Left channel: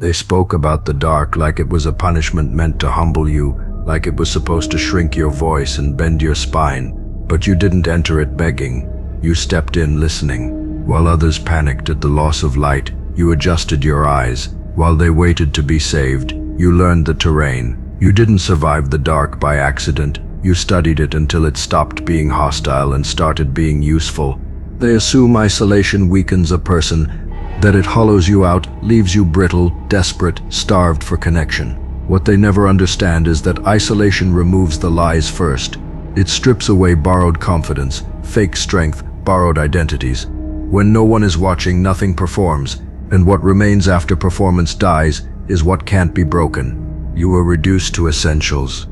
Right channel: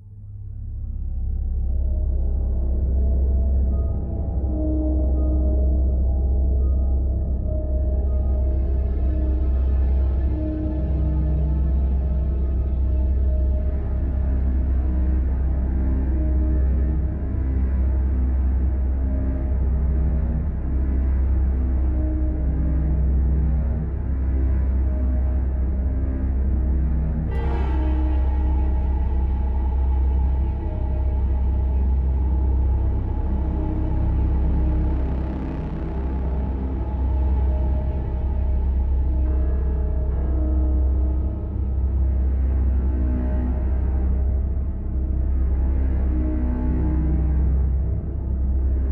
They spoke about the dark like it was a punishment meant to humble you, like it was supposed to shrink your voice and bend your spine. But you didn't enter it begging. You stepped in listening. While others panicked at the loss of light, you adjusted your eyes. While they waited to be saved, you learned the terrain. You didn't survive the dark by accident. You studied it until it stopped being hostile and started being useful. They assume isolation weakens a person, that it hollows you out, leaves you brittle, desperate, starved for connection. What they never understand is that isolation removes the lies first. It strips away borrowed confidence, fake strength, borrowed identities. When no one is watching, nothing performs, and what remains after performance dies is what can't be broken. You were reduced to essentials.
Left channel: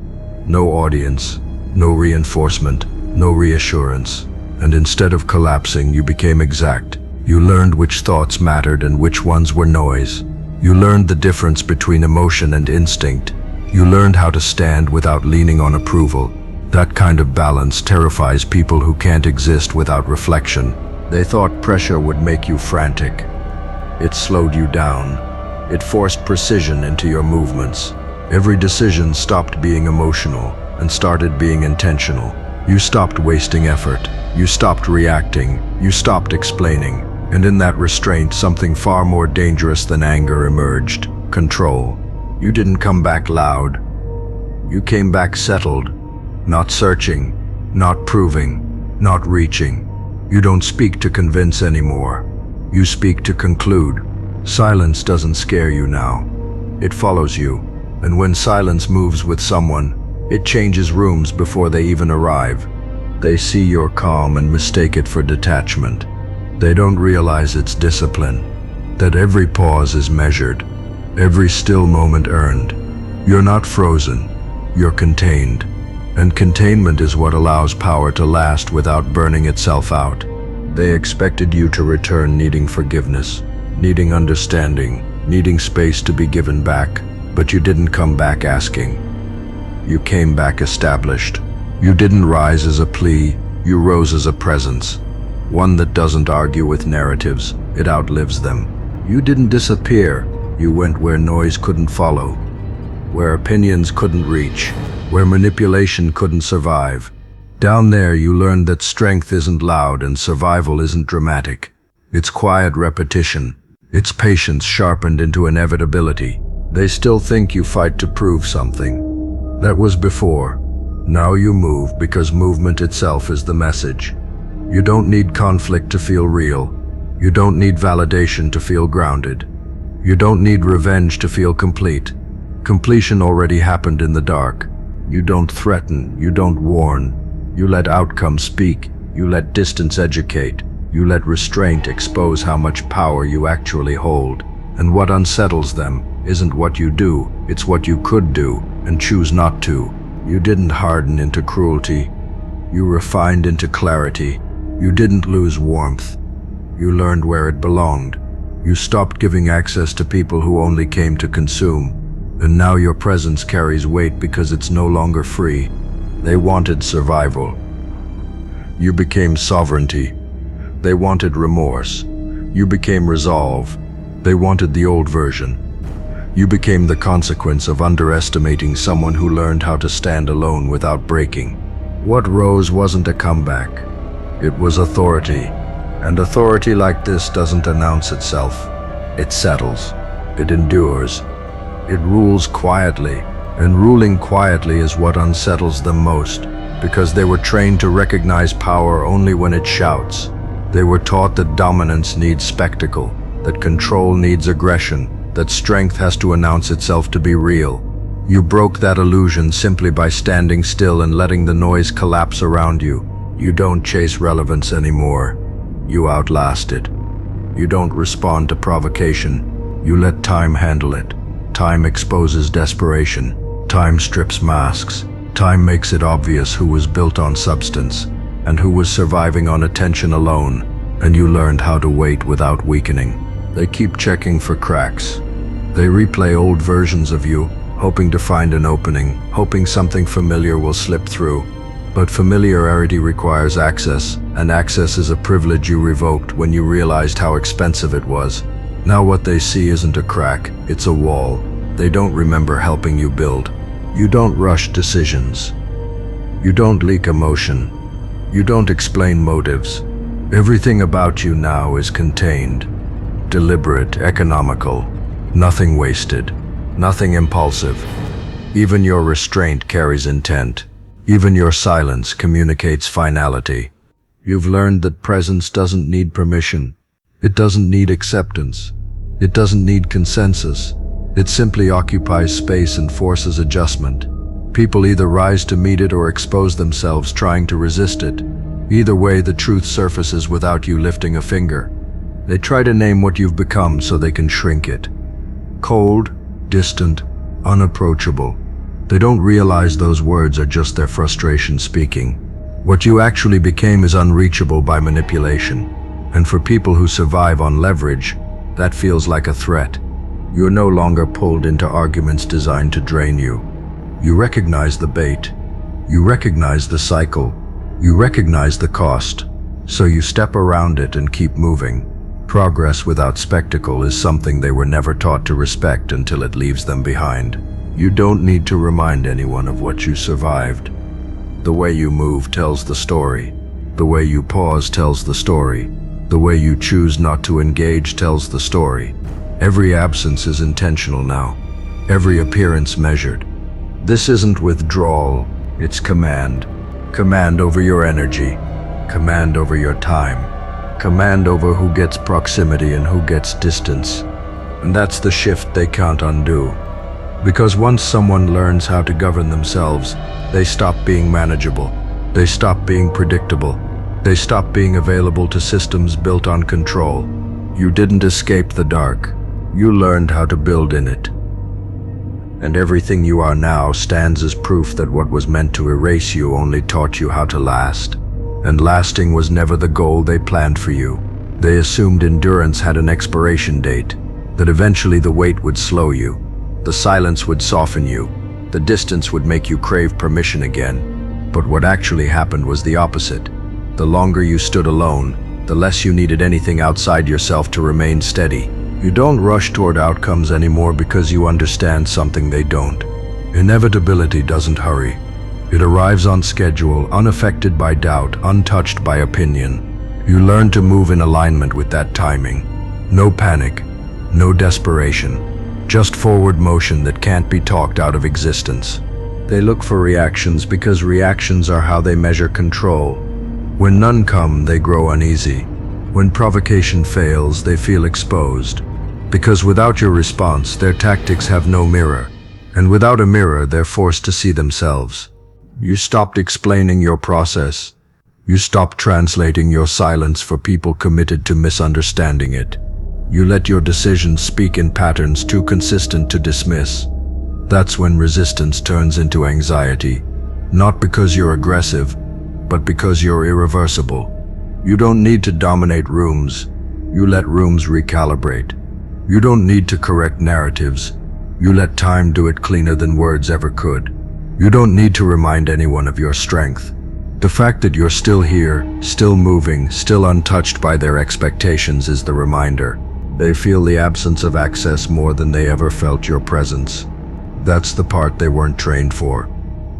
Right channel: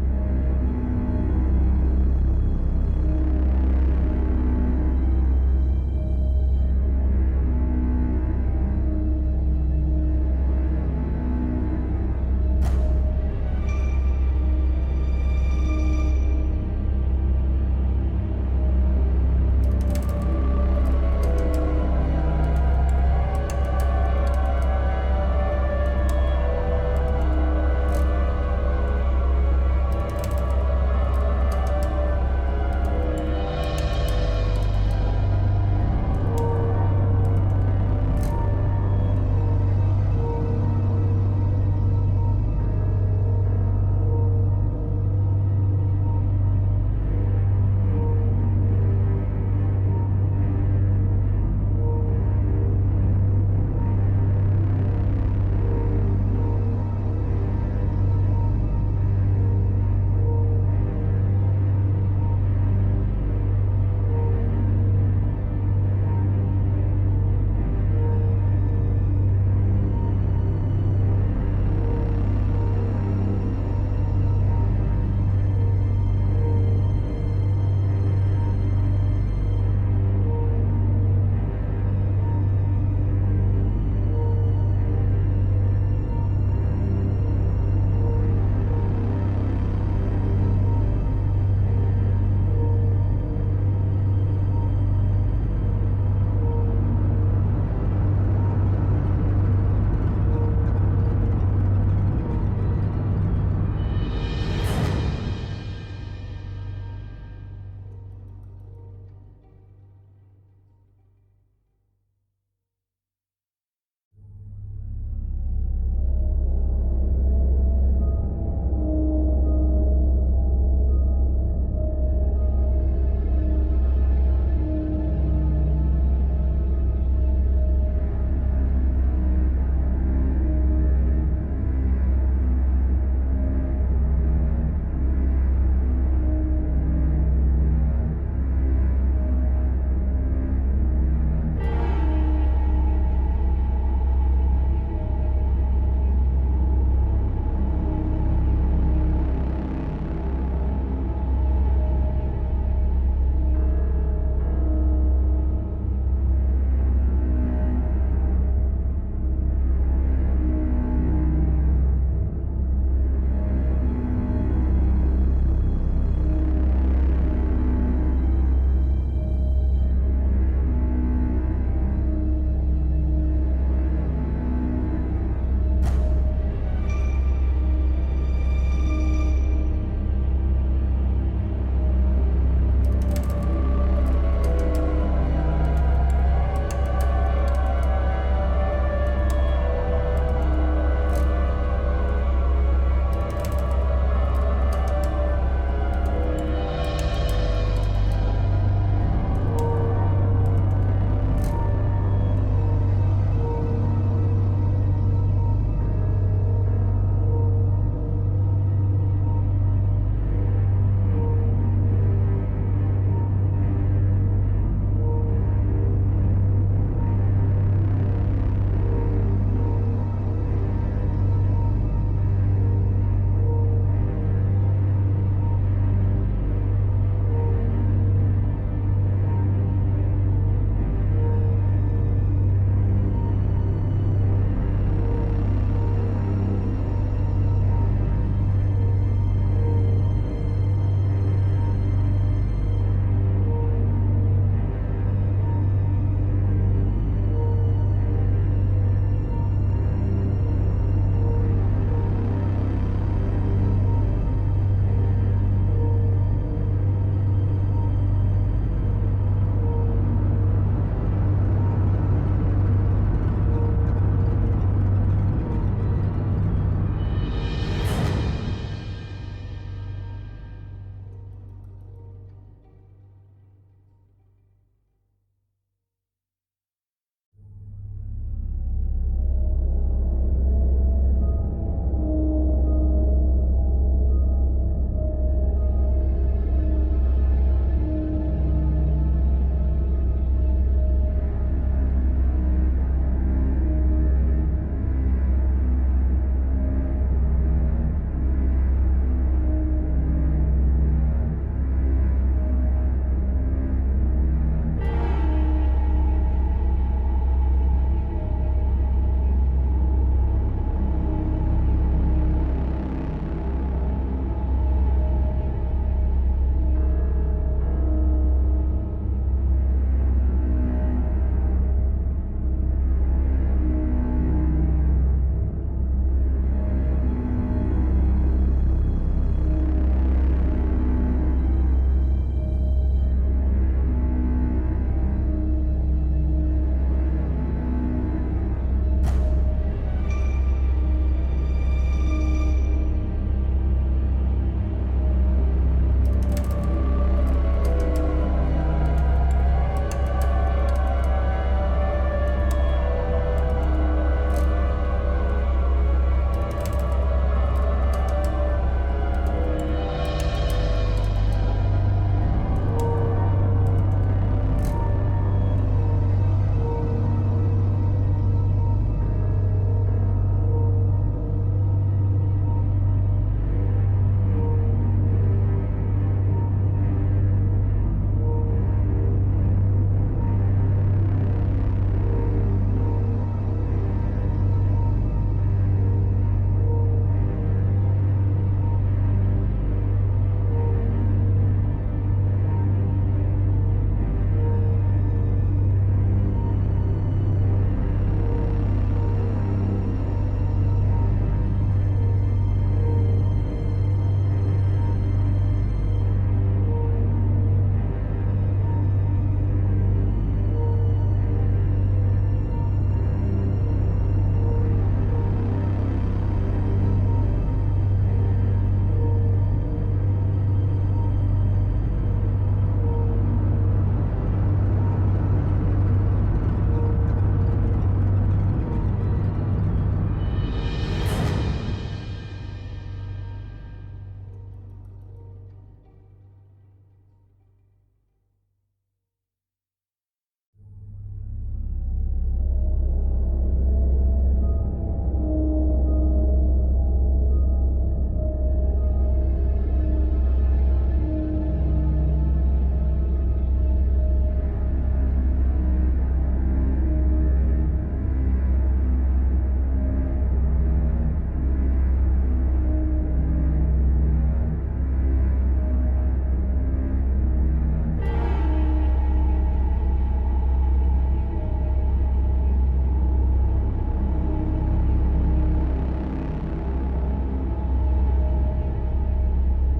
No audience, no reinforcement, no reassurance. And instead of collapsing, you became exact. You learned which thoughts mattered and which ones were noise. You learned the difference between emotion and instinct. You learned how to stand without leaning on approval. That kind of balance terrifies people who can't exist without reflection. They thought pressure would make you frantic. It slowed you down. It forced precision into your movements. Every decision stopped being emotional and started being intentional. You stopped wasting effort. You stopped reacting. You stopped explaining. And in that restraint, something far more dangerous than anger emerged: control. You didn't come back loud. You came back settled, not searching, not proving, not reaching. You don't speak to convince anymore. You speak to conclude. Silence doesn't scare you now. It follows you. And when silence moves with someone, it changes rooms before they even arrive. They see your calm and mistake it for detachment. They don't realize it's discipline, that every pause is measured, every still moment earned. You're not frozen, you're contained. And containment is what allows power to last without burning itself out. They expected you to return needing forgiveness, needing understanding, needing space to be given back, but you didn't come back asking. You came back established. You didn't rise as a plea, you rose as a presence. One that doesn't argue with narratives, it outlives them. You didn't disappear, you went where noise couldn't follow, where opinions couldn't reach, where manipulation couldn't survive. Down there you learned that strength isn't loud and survival isn't dramatic. It's quiet repetition. It's patience sharpened into inevitability. They still think you fight to prove something. That was before. Now you move because movement itself is the message. You don't need conflict to feel real. You don't need validation to feel grounded. You don't need revenge to feel complete. Completion already happened in the dark. You don't threaten, you don't warn. You let outcome speak. You let distance educate. You let restraint expose how much power you actually hold. And what unsettles them isn't what you do, it's what you could do and choose not to. You didn't harden into cruelty. You refined into clarity. You didn't lose warmth. You learned where it belonged. You stopped giving access to people who only came to consume. And now your presence carries weight because it's no longer free. They wanted survival. You became sovereignty. They wanted remorse. You became resolve. They wanted the old version. You became the consequence of underestimating someone who learned how to stand alone without breaking. What rose wasn't a comeback. It was authority. And authority like this doesn't announce itself. It settles. It endures. It rules quietly. And ruling quietly is what unsettles them most, because they were trained to recognize power only when it shouts. They were taught that dominance needs spectacle, that control needs aggression, that strength has to announce itself to be real. You broke that illusion simply by standing still and letting the noise collapse around you. You don't chase relevance anymore. You outlast it. You don't respond to provocation. You let time handle it. Time exposes desperation. Time strips masks. Time makes it obvious who was built on substance and who was surviving on attention alone. And you learned how to wait without weakening. They keep checking for cracks. They replay old versions of you, hoping to find an opening, hoping something familiar will slip through. But familiarity requires access, and access is a privilege you revoked when you realized how expensive it was. Now what they see isn't a crack, it's a wall. They don't remember helping you build. You don't rush decisions. You don't leak emotion. You don't explain motives. Everything about you now is contained, deliberate, economical, nothing wasted, nothing impulsive. Even your restraint carries intent. Even your silence communicates finality. You've learned that presence doesn't need permission. It doesn't need acceptance. It doesn't need consensus. It simply occupies space and forces adjustment. People either rise to meet it or expose themselves trying to resist it. Either way, the truth surfaces without you lifting a finger. They try to name what you've become so they can shrink it. Cold, distant, unapproachable. They don't realize those words are just their frustration speaking. What you actually became is unreachable by manipulation. And for people who survive on leverage, that feels like a threat. You're no longer pulled into arguments designed to drain you. You recognize the bait. You recognize the cycle. You recognize the cost. So you step around it and keep moving. Progress without spectacle is something they were never taught to respect until it leaves them behind. You don't need to remind anyone of what you survived. The way you move tells the story. The way you pause tells the story. The way you choose not to engage tells the story. Every absence is intentional now. Every appearance measured. This isn't withdrawal, it's command. Command over your energy. Command over your time. Command over who gets proximity and who gets distance. And that's the shift they can't undo. Because once someone learns how to govern themselves, they stop being manageable. They stop being predictable. They stop being available to systems built on control. You didn't escape the dark. You learned how to build in it. And everything you are now stands as proof that what was meant to erase you only taught you how to last. And lasting was never the goal they planned for you. They assumed endurance had an expiration date, that eventually the weight would slow you. The silence would soften you. The distance would make you crave permission again. But what actually happened was the opposite. The longer you stood alone, the less you needed anything outside yourself to remain steady. You don't rush toward outcomes anymore because you understand something they don't. Inevitability doesn't hurry. It arrives on schedule, unaffected by doubt, untouched by opinion. You learn to move in alignment with that timing. No panic, no desperation. Just forward motion that can't be talked out of existence. They look for reactions because reactions are how they measure control. When none come, they grow uneasy. When provocation fails, they feel exposed. Because without your response, their tactics have no mirror. And without a mirror, they're forced to see themselves. You stopped explaining your process. You stopped translating your silence for people committed to misunderstanding it. You let your decisions speak in patterns too consistent to dismiss. That's when resistance turns into anxiety. Not because you're aggressive, but because you're irreversible. You don't need to dominate rooms. You let rooms recalibrate. You don't need to correct narratives. You let time do it cleaner than words ever could. You don't need to remind anyone of your strength. The fact that you're still here, still moving, still untouched by their expectations is the reminder. They feel the absence of access more than they ever felt your presence. That's the part they weren't trained for.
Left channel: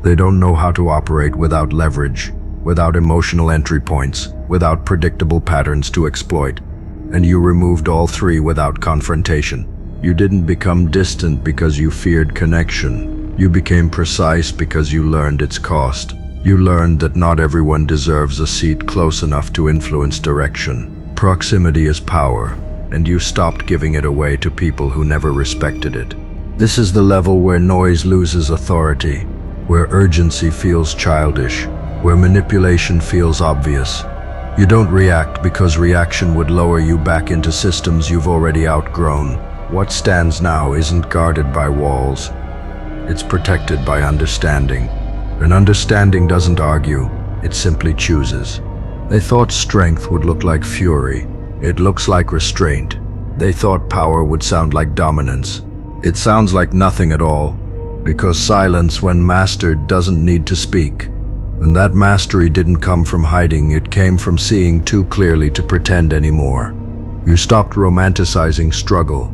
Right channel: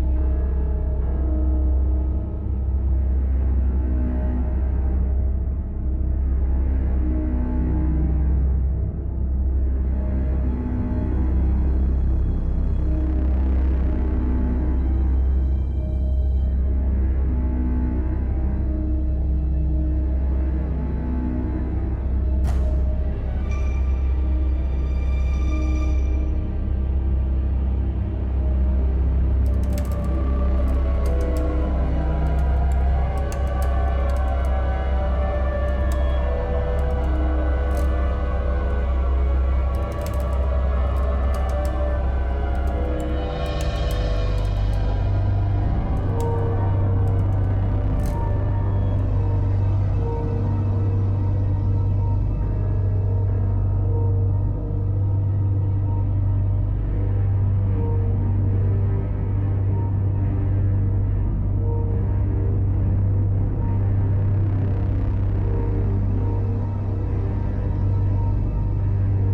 They don't know how to operate without leverage, without emotional entry points, without predictable patterns to exploit. And you removed all three without confrontation. You didn't become distant because you feared connection. You became precise because you learned its cost. You learned that not everyone deserves a seat close enough to influence direction. Proximity is power, and you stopped giving it away to people who never respected it. This is the level where noise loses authority, where urgency feels childish, where manipulation feels obvious. You don't react because reaction would lower you back into systems you've already outgrown. What stands now isn't guarded by walls. It's protected by understanding. And understanding doesn't argue, it simply chooses. They thought strength would look like fury. It looks like restraint. They thought power would sound like dominance. It sounds like nothing at all, because silence, when mastered, doesn't need to speak. And that mastery didn't come from hiding, it came from seeing too clearly to pretend anymore. You stopped romanticizing struggle.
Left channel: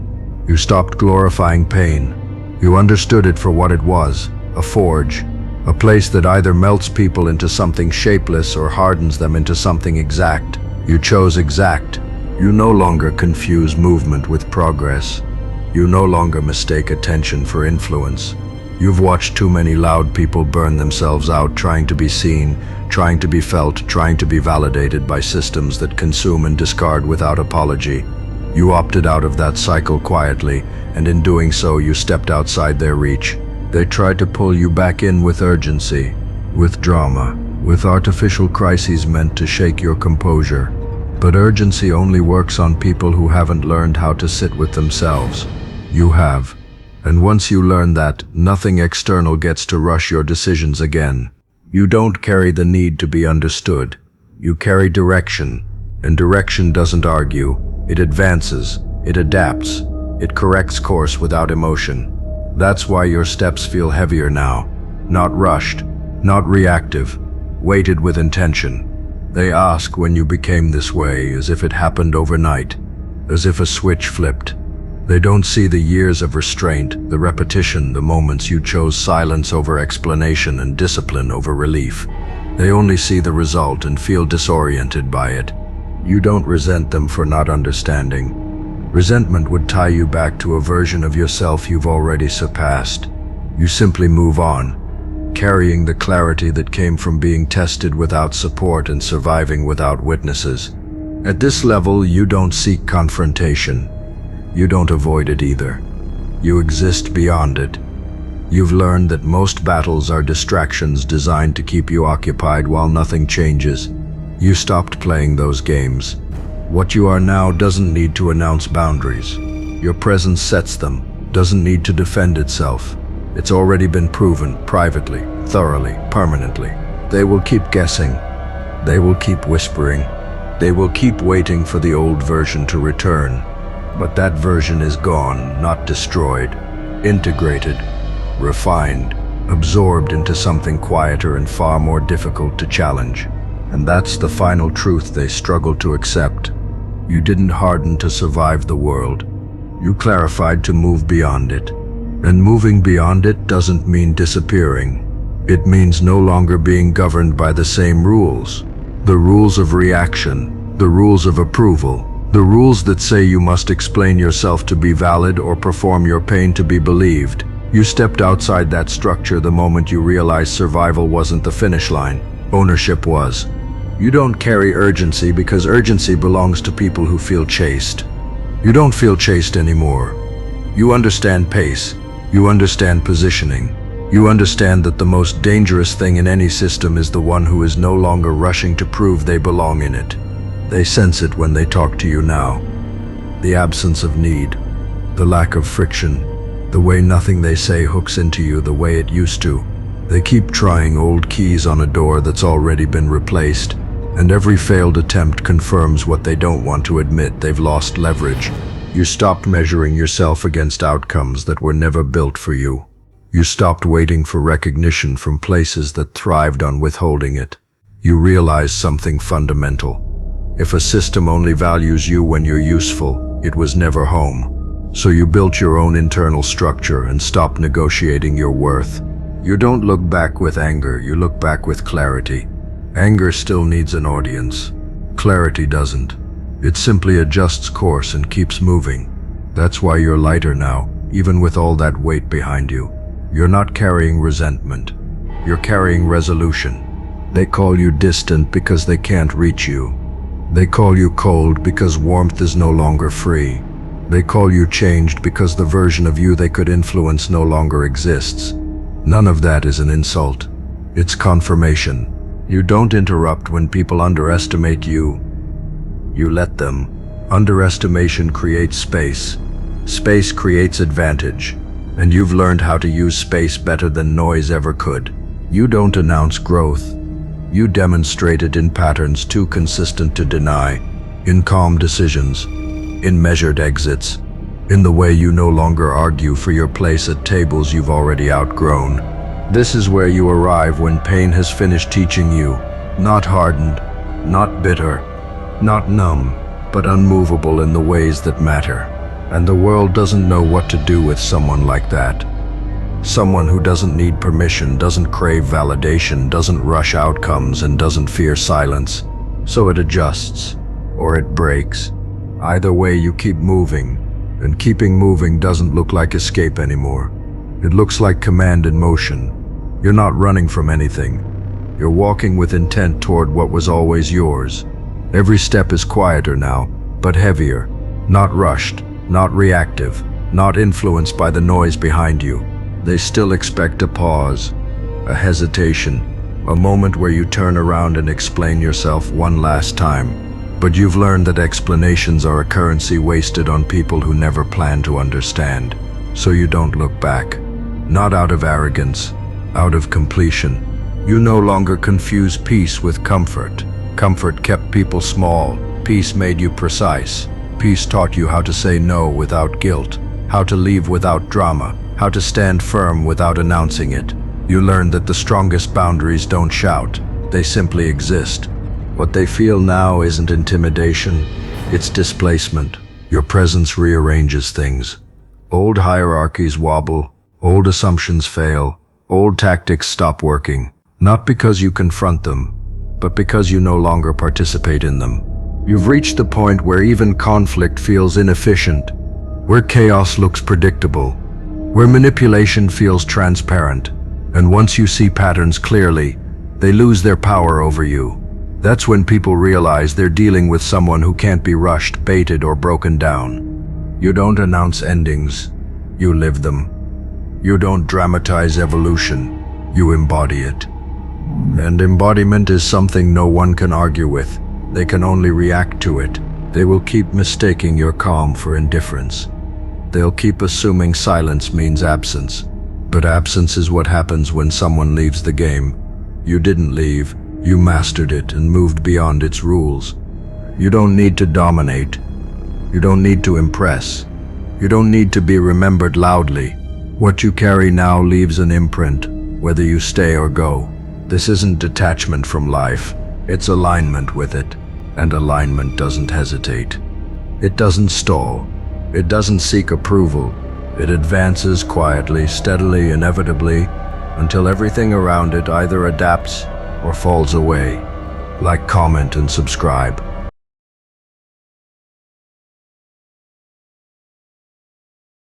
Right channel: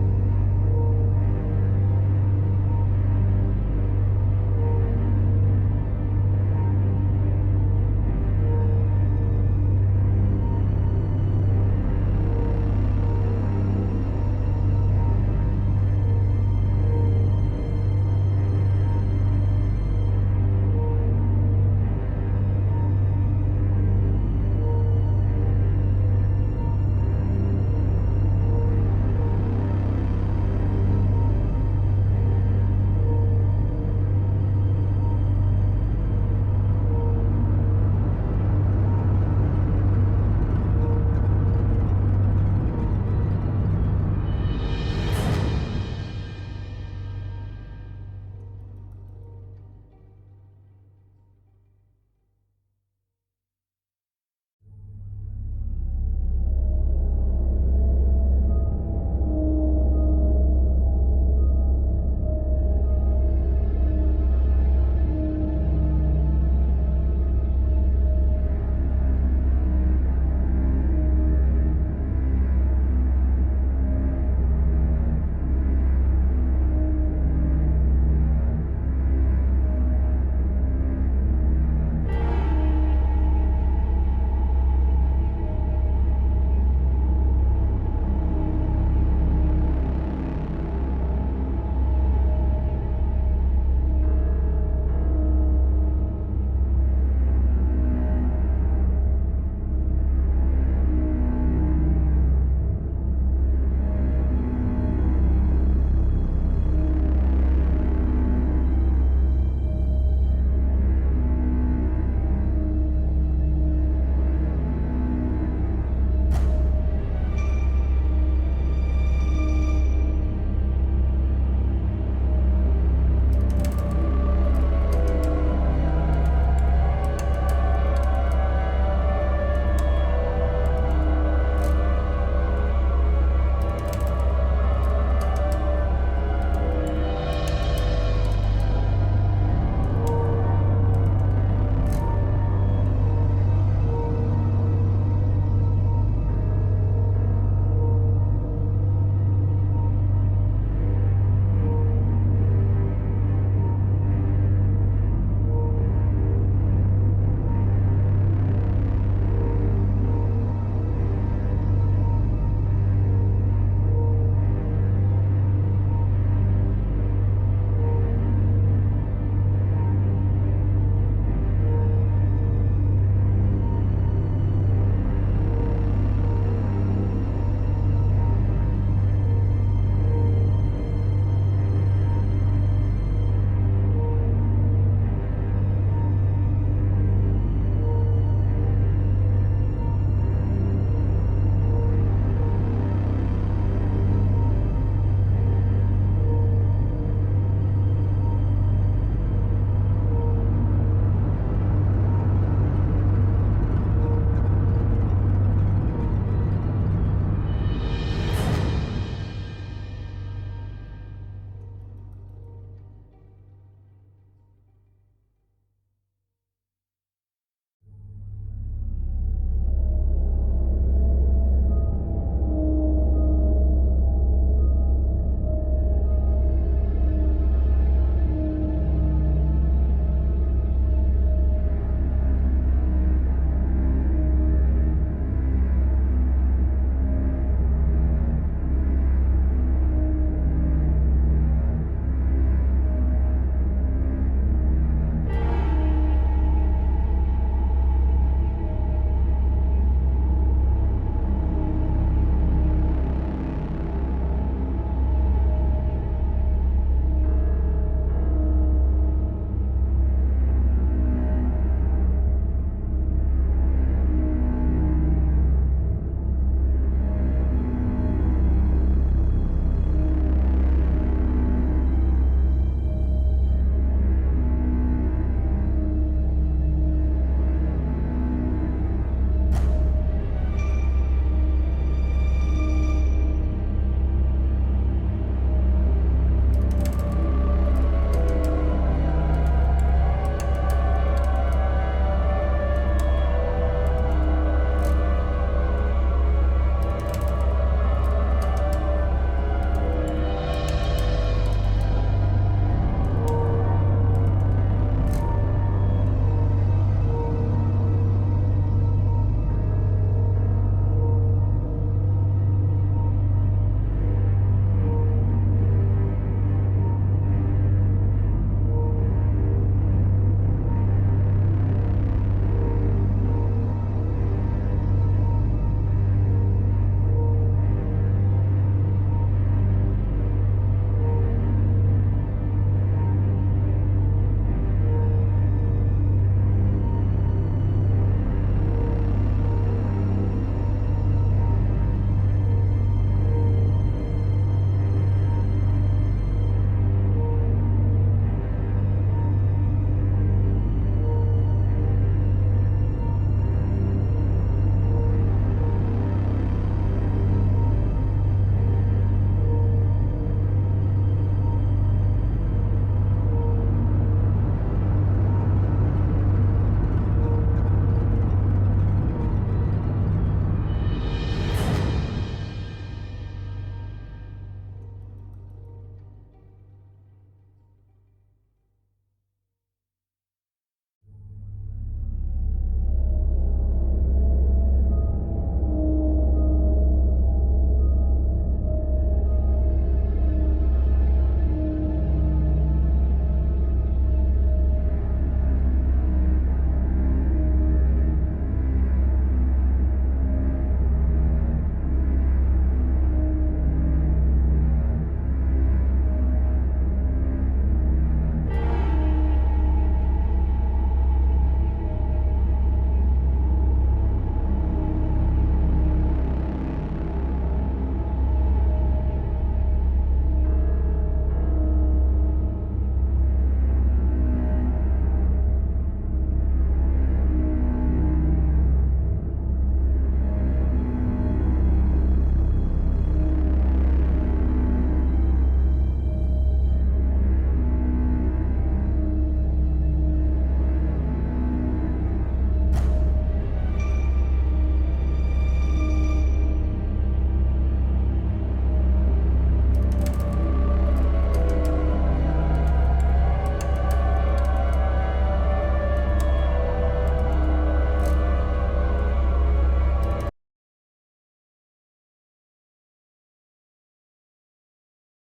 You stopped glorifying pain. You understood it for what it was, a forge, a place that either melts people into something shapeless or hardens them into something exact. You chose exact. You no longer confuse movement with progress. You no longer mistake attention for influence. You've watched too many loud people burn themselves out trying to be seen, trying to be felt, trying to be validated by systems that consume and discard without apology. You opted out of that cycle quietly, and in doing so you stepped outside their reach. They tried to pull you back in with urgency, with drama, with artificial crises meant to shake your composure. But urgency only works on people who haven't learned how to sit with themselves. You have. And once you learn that, nothing external gets to rush your decisions again. You don't carry the need to be understood. You carry direction, and direction doesn't argue. It advances, it adapts, it corrects course without emotion. That's why your steps feel heavier now. Not rushed, not reactive, weighted with intention. They ask when you became this way, as if it happened overnight, as if a switch flipped. They don't see the years of restraint, the repetition, the moments you chose silence over explanation and discipline over relief. They only see the result and feel disoriented by it. You don't resent them for not understanding. Resentment would tie you back to a version of yourself you've already surpassed. You simply move on, carrying the clarity that came from being tested without support and surviving without witnesses. At this level, you don't seek confrontation. You don't avoid it either. You exist beyond it. You've learned that most battles are distractions designed to keep you occupied while nothing changes. You stopped playing those games. What you are now doesn't need to announce boundaries. Your presence sets them, doesn't need to defend itself. It's already been proven, privately, thoroughly, permanently. They will keep guessing. They will keep whispering. They will keep waiting for the old version to return. But that version is gone, not destroyed. Integrated, refined, absorbed into something quieter and far more difficult to challenge. And that's the final truth they struggle to accept. You didn't harden to survive the world. You clarified to move beyond it. And moving beyond it doesn't mean disappearing. It means no longer being governed by the same rules. The rules of reaction, the rules of approval, the rules that say you must explain yourself to be valid or perform your pain to be believed. You stepped outside that structure the moment you realized survival wasn't the finish line. Ownership was. You don't carry urgency because urgency belongs to people who feel chased. You don't feel chased anymore. You understand pace. You understand positioning. You understand that the most dangerous thing in any system is the one who is no longer rushing to prove they belong in it. They sense it when they talk to you now. The absence of need, the lack of friction, the way nothing they say hooks into you the way it used to. They keep trying old keys on a door that's already been replaced, and every failed attempt confirms what they don't want to admit: they've lost leverage. You stopped measuring yourself against outcomes that were never built for you. You stopped waiting for recognition from places that thrived on withholding it. You realized something fundamental. If a system only values you when you're useful, it was never home. So you built your own internal structure and stopped negotiating your worth. You don't look back with anger, you look back with clarity. Anger still needs an audience. Clarity doesn't. It simply adjusts course and keeps moving. That's why you're lighter now, even with all that weight behind you. You're not carrying resentment. You're carrying resolution. They call you distant because they can't reach you. They call you cold because warmth is no longer free. They call you changed because the version of you they could influence no longer exists. None of that is an insult. It's confirmation. You don't interrupt when people underestimate you. You let them. Underestimation creates space. Space creates advantage. And you've learned how to use space better than noise ever could. You don't announce growth. You demonstrate it in patterns too consistent to deny, in calm decisions, in measured exits, in the way you no longer argue for your place at tables you've already outgrown. This is where you arrive when pain has finished teaching you, not hardened, not bitter, not numb, but unmovable in the ways that matter. And the world doesn't know what to do with someone like that. Someone who doesn't need permission, doesn't crave validation, doesn't rush outcomes, and doesn't fear silence. So it adjusts, or it breaks. Either way, you keep moving, and keeping moving doesn't look like escape anymore. It looks like command in motion. You're not running from anything. You're walking with intent toward what was always yours. Every step is quieter now, but heavier. Not rushed, not reactive, not influenced by the noise behind you. They still expect a pause, a hesitation, a moment where you turn around and explain yourself one last time. But you've learned that explanations are a currency wasted on people who never plan to understand. So you don't look back. Not out of arrogance, out of completion. You no longer confuse peace with comfort. Comfort kept people small. Peace made you precise. Peace taught you how to say no without guilt, how to leave without drama, how to stand firm without announcing it. You learned that the strongest boundaries don't shout, they simply exist. What they feel now isn't intimidation, it's displacement. Your presence rearranges things. Old hierarchies wobble, old assumptions fail, old tactics stop working. Not because you confront them, but because you no longer participate in them. You've reached the point where even conflict feels inefficient, where chaos looks predictable, where manipulation feels transparent. And once you see patterns clearly, they lose their power over you. That's when people realize they're dealing with someone who can't be rushed, baited, or broken down. You don't announce endings, you live them. You don't dramatize evolution, you embody it. And embodiment is something no one can argue with. They can only react to it. They will keep mistaking your calm for indifference. They'll keep assuming silence means absence. But absence is what happens when someone leaves the game. You didn't leave, you mastered it and moved beyond its rules. You don't need to dominate. You don't need to impress. You don't need to be remembered loudly. What you carry now leaves an imprint, whether you stay or go. This isn't detachment from life, it's alignment with it. And alignment doesn't hesitate. It doesn't stall. It doesn't seek approval. It advances quietly, steadily, inevitably, until everything around it either adapts or falls away. Like, comment, and subscribe.